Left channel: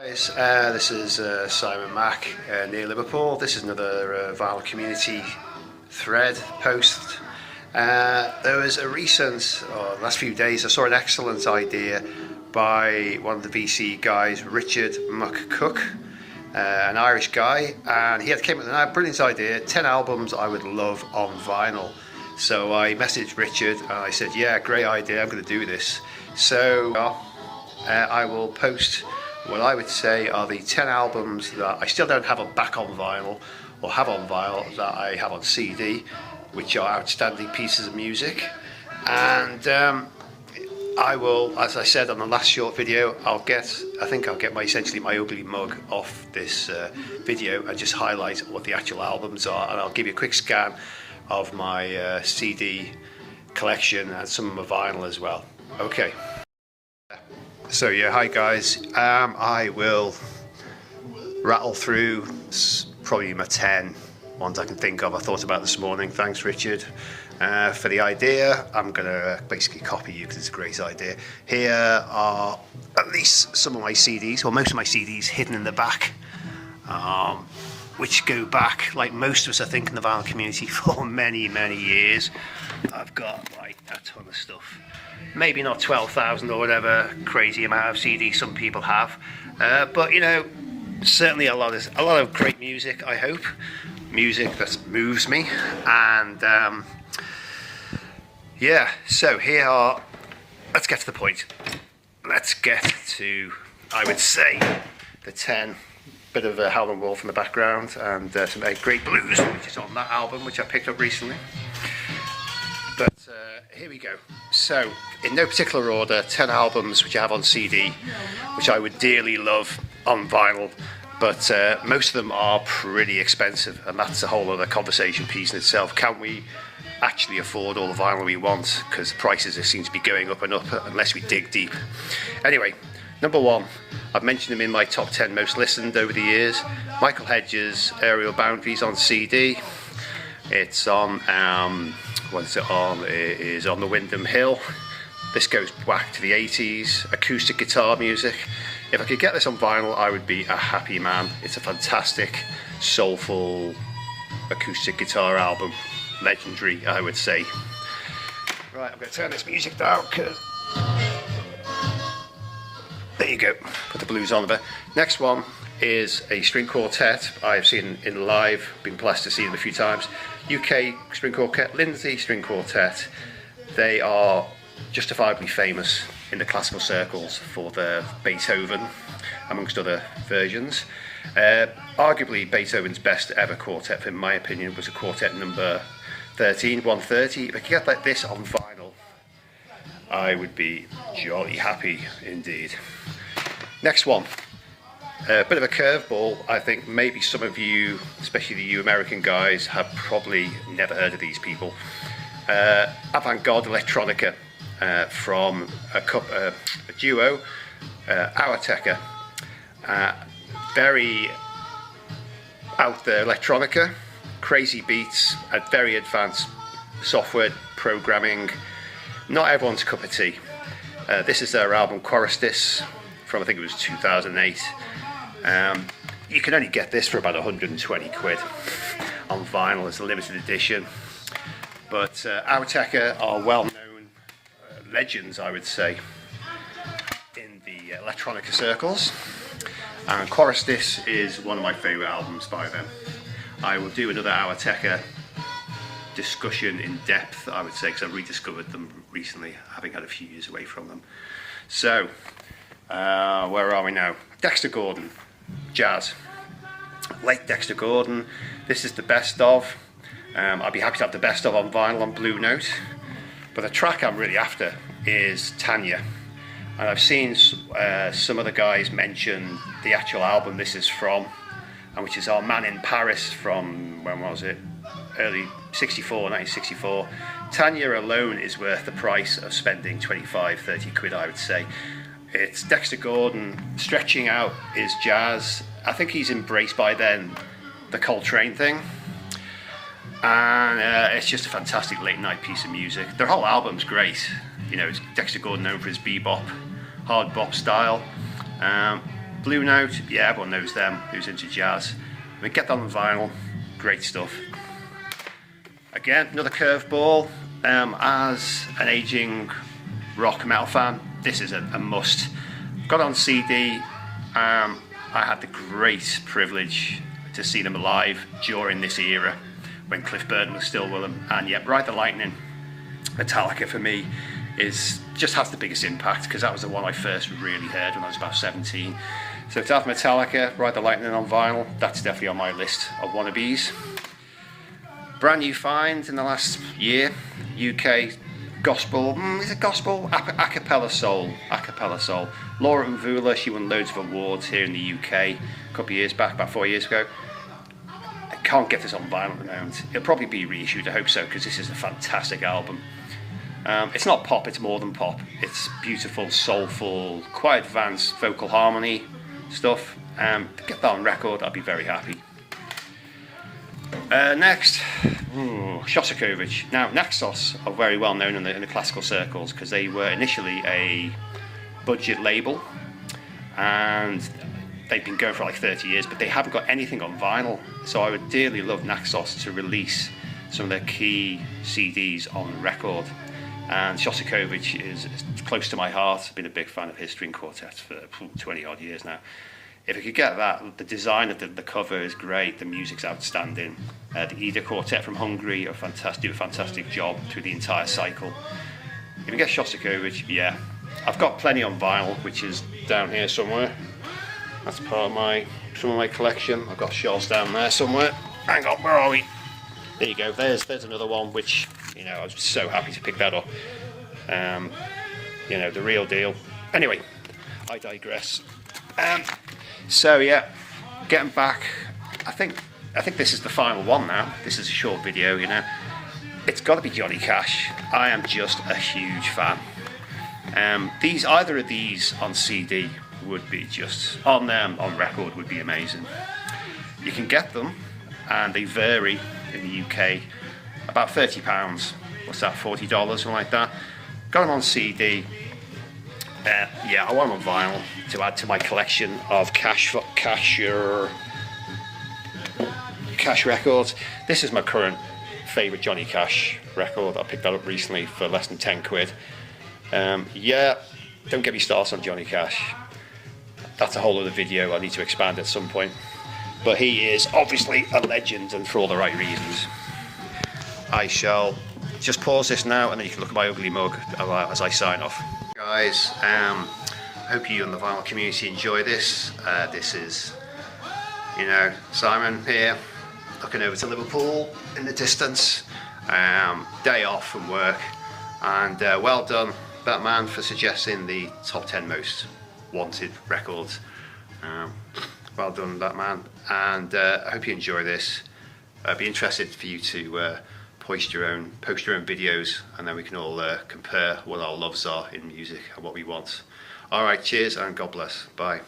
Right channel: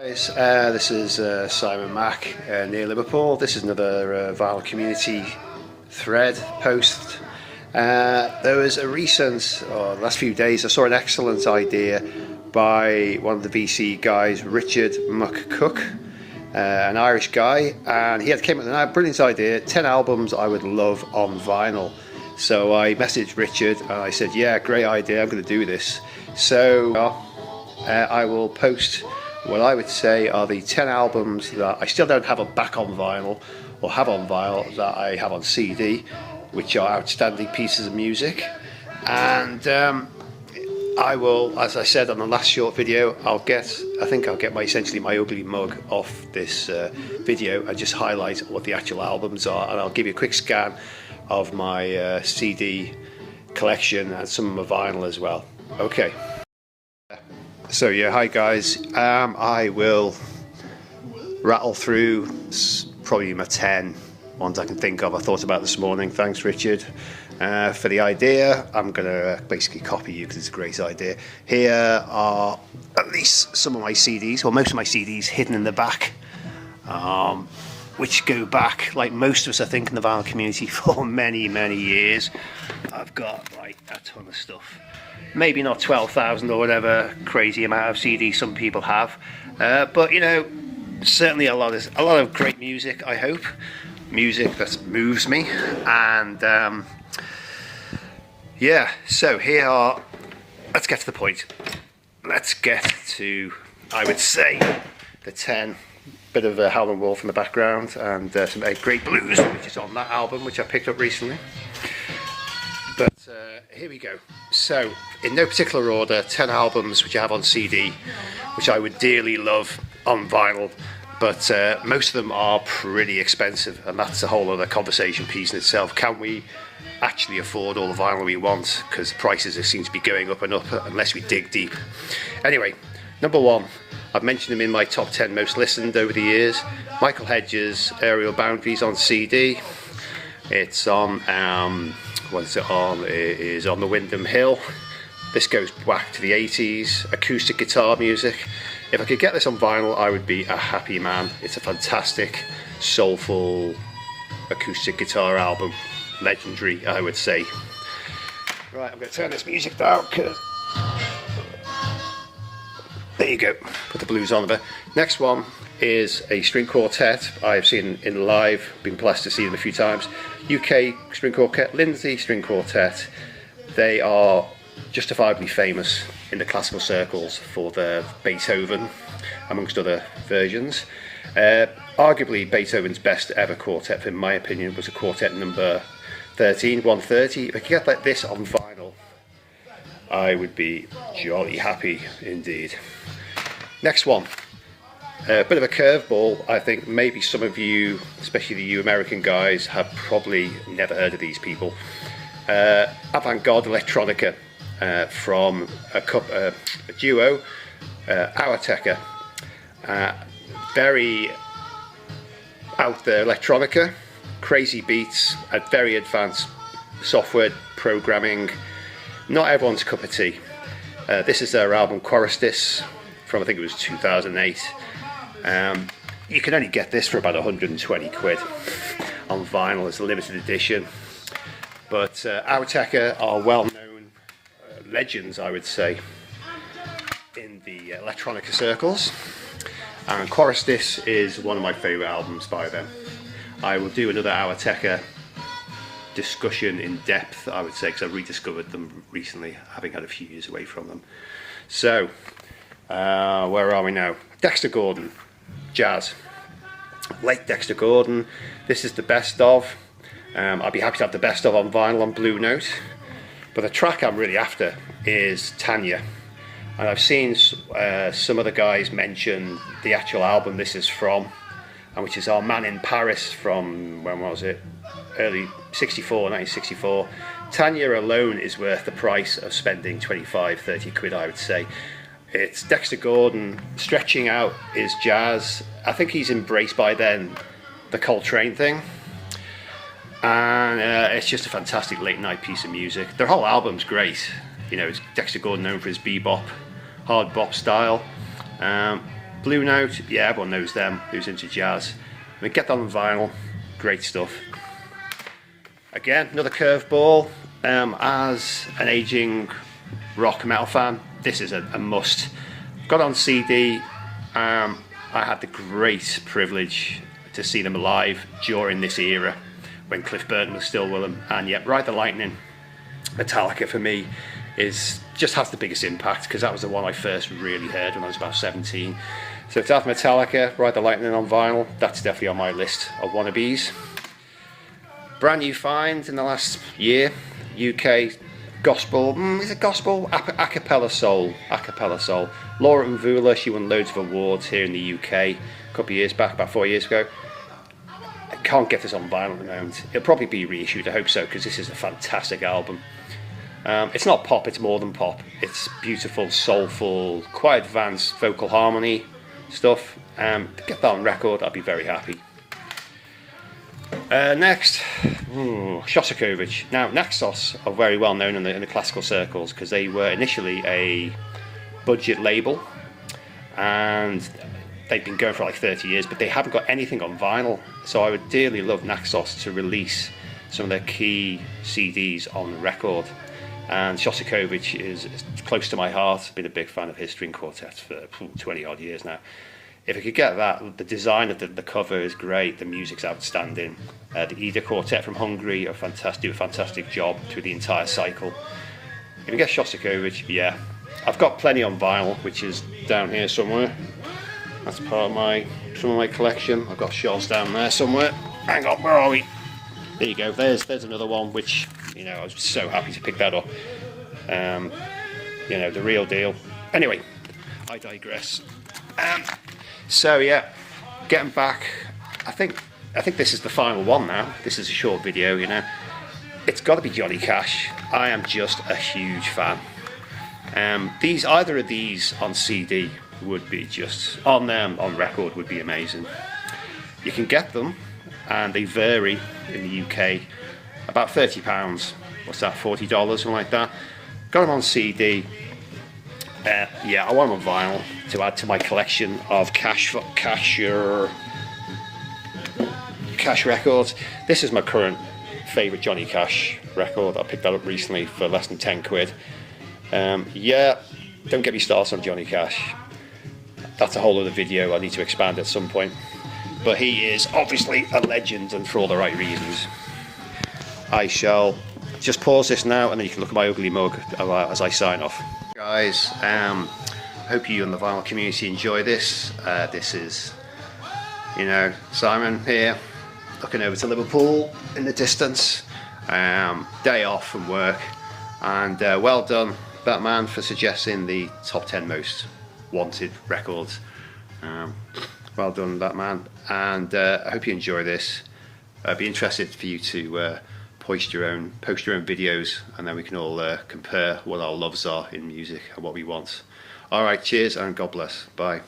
Guys, this is Simon Mack near Liverpool. This is another vinyl community thread post. There was a recent, the last few days, I saw an excellent idea by one of the VC guys, Richard McCook, an Irish guy, and he had came up with a brilliant idea: 10 albums I would love on vinyl. So I messaged Richard and I said, yeah, great idea, I'm going to do this. So I will post what I would say are the 10 albums that I still don't have back on vinyl, or have on vinyl, that I have on CD, which are outstanding pieces of music. And I will, as I said on the last short video, I think I'll get essentially my ugly mug off this video and just highlight what the actual albums are, and I'll give you a quick scan of my CD collection and some of my vinyl as well. Okay. So yeah, hi guys. I will rattle through probably my 10 ones I can think of I thought about this morning. Thanks, Richard, for the idea. I'm going to basically copy you because it's a great idea. Here are at least some of my CDs, or most of my CDs, hidden in the back, which go back, like most of us I think in the vinyl community, for many years. I've got like a ton of stuff. Maybe not 12,000 or whatever crazy amount of CDs some people have, but you know, certainly a lot of great music. I hope music that moves me, and yeah. So here are. Let's get to the point. Let's get to, I would say, the 10. Bit of a Howlin' Wolf in the background, and some Great Blues, which is on that album, which I picked up recently. But here we go. So, in no particular order, 10 albums which I have on CD, which I would dearly love on vinyl, but most of them are pretty expensive, and that's a whole other conversation piece in itself. Can we actually afford all the vinyl we want? Because prices seem to be going up and up unless we dig deep. Anyway, number 1, I've mentioned them in my top 10 most listened over the years. Michael Hedges' Aerial Boundaries on CD. It's on, what's it on? It is on the Windham Hill. This goes back to the 80s, acoustic guitar music. If I could get this on vinyl, I would be a happy man. It's a fantastic, soulful acoustic guitar album. Legendary, I would say. Right, I'm going to turn this music down, because there you go, put the blues on a bit. Next one is a string quartet I've seen in live, been blessed to see them a few times. UK string quartet, Lindsay String Quartet. They are justifiably famous in the classical circles for their Beethoven, amongst other versions. Arguably Beethoven's best ever quartet, in my opinion, was a quartet number 13, 130. If I could get like this on vinyl, I would be jolly happy indeed. Next one, a bit of a curveball. I think maybe some of you, especially you American guys, have probably never heard of these people. Avant-garde electronica from a duo, Auertecker. Very out there electronica, crazy beats, very advanced software programming. Not everyone's cup of tea. This is their album Chorustis from, I think it was 2008. You can only get this for about 120 quid on vinyl. It's a limited edition. But Auertecker are well-known legends, I would say, in the electronica circles. And Chorustis is one of my favourite albums by them. I will do another Auertecker discussion in depth, I would say, because I've rediscovered them recently, having had a few years away from them. So, where are we now? Dexter Gordon, jazz. Late Dexter Gordon. This is the best of. I'd be happy to have the best of on vinyl on Blue Note. But the track I'm really after is Tanya. And I've seen some other guys mention the actual album this is from, and which is Our Man in Paris from, when was it? Early 1964. Tanya alone is worth the price of spending 25-30 quid, I would say. It's Dexter Gordon stretching out his jazz. I think he's embraced by then the Coltrane thing, and it's just a fantastic late night piece of music. Their whole album's great. You know, it's Dexter Gordon known for his bebop, hard bop style. Blue Note, yeah, everyone knows them who's into jazz. I mean, get that on vinyl, great stuff. Again, another curveball. As an aging rock metal fan, this is a must. Got on CD. I had the great privilege to see them live during this era when Cliff Burton was still with them, and yet Ride the Lightning, Metallica for me just has the biggest impact because that was the one I first really heard when I was about 17. So to have Metallica, Ride the Lightning on vinyl, that's definitely on my list of wannabes. Brand new find in the last year, UK gospel, is it gospel? A cappella soul. Laura Mvula, she won loads of awards here in the UK a couple of years back, about 4 years ago. I can't get this on vinyl at the moment. It'll probably be reissued, I hope so, because this is a fantastic album. It's not pop, it's more than pop. It's beautiful, soulful, quite advanced vocal harmony stuff. Get that on record, I'd be very happy. Next, Shostakovich. Now, Naxos are very well known in the classical circles because they were initially a budget label and they've been going for like 30 years, but they haven't got anything on vinyl. So I would dearly love Naxos to release some of their key CDs on record. And Shostakovich is close to my heart. I've been a big fan of his string quartets for 20 odd years now. If I could get that, the design of the cover is great, the music's outstanding. The Ida Quartet from Hungary do a fantastic job through the entire cycle. If you get Shostakovich, yeah. I've got plenty on vinyl, which is down here somewhere. That's part of some of my collection. I've got shelves down there somewhere. Hang on, where are we? There you go, there's another one, which, I was so happy to pick that up. The real deal. Anyway, I digress. So yeah, getting back, I think this is the final one now. This is a short video, It's got to be Johnny Cash. I am just a huge fan. Either of these on CD would be just on record would be amazing. You can get them, and they vary in the UK about £30. What's that? $40, something like that. Got them on CD. I want them on vinyl to add to my collection of Cash records. This is my current favourite Johnny Cash record. I picked that up recently for less than 10 quid. Don't get me started on Johnny Cash. That's a whole other video I need to expand at some point. But he is obviously a legend, and for all the right reasons. I shall just pause this now, and then you can look at my ugly mug as I sign off. Guys, hope you and the vinyl community enjoy this. This is, Simon here, looking over to Liverpool in the distance. Day off from work, and well done, Batman, for suggesting the top 10 most wanted records. Well done, Batman, and I hope you enjoy this. I'd be interested for you to post your own videos, and then we can all compare what our loves are in music and what we want. Alright, cheers and God bless. Bye.